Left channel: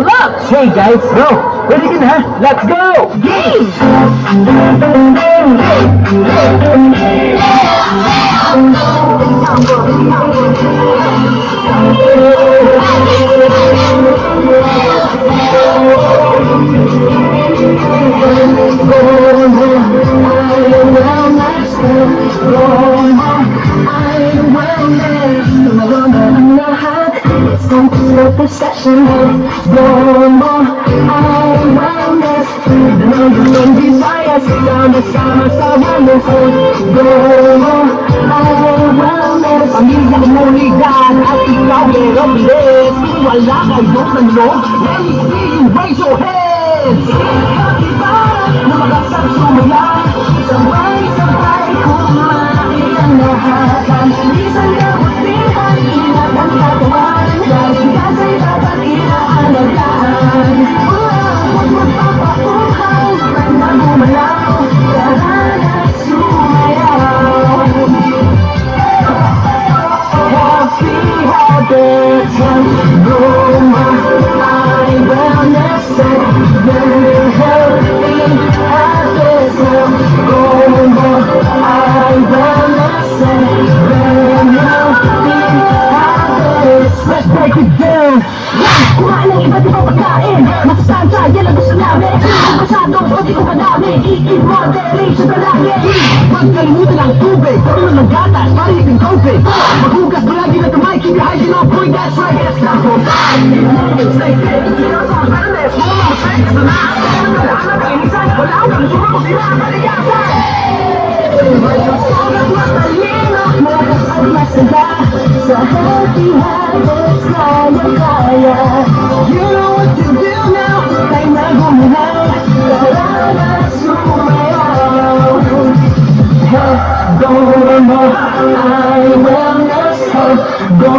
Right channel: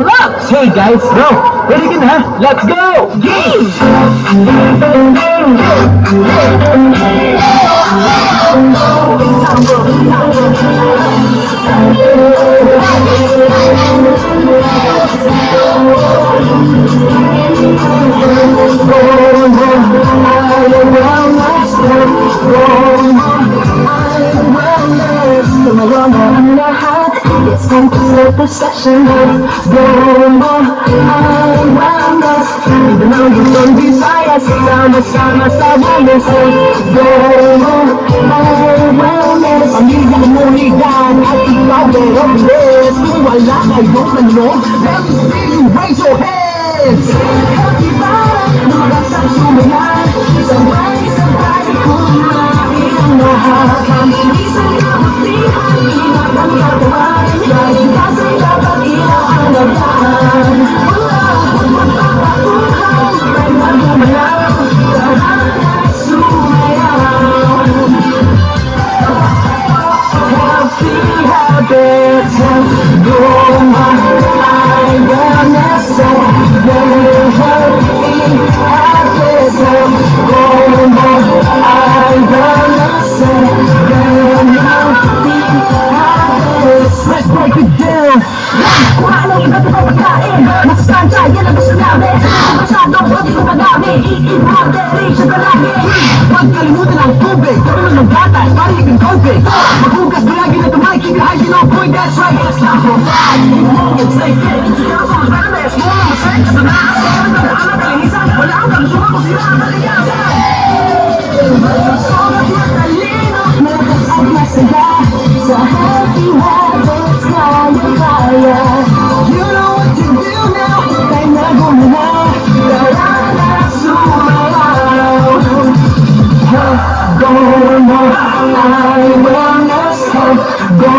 Relax! Hey guys, go! Ready ka na? Let's go! Game! Perception of no more awareness. The numbers and desires sama-sama sa wellness. No more awareness. Pamilya mo ligan at ikaw mayroong bliss. Kung wala kayong tanong, let me see you raise your hands. Healthy ba? Lumagas at sumula. Sabay-sabay kumain ang lahat. Isang dapat di ang ingat ang katawan. Dahil kasa'y dapat inaalagaan. Huwag magpapakutang, may magumalaw. Dahan at sumayaw. Healthy habits of Roma. I wellness of very healthy habits of Roma. I wellness of very healthy habits. Let's break it down. Kumain ng iba't ibang pagkain. Masustansya, yan ang gusto namin. Masyadong hindi ko madami. Eat moderation palagi. Huwag kalimutan ang tubig. Tulong ng gatas, parihin COVID. Maghugas palagi na tumay. Keep your hygiene on point, that's right. It's not for Eat long and stay fit. Ikaw sa wellness. Wala mo sa ito na. Nakalisan, wala ang kalusugan mo sila ang kaliyasan. Sobrang matalino. Meron at masaya. Sa healthy habits, kaya. You know what to do now. Ay nagumina. Tara na sumayaw. Health, go more. I wellness, health, go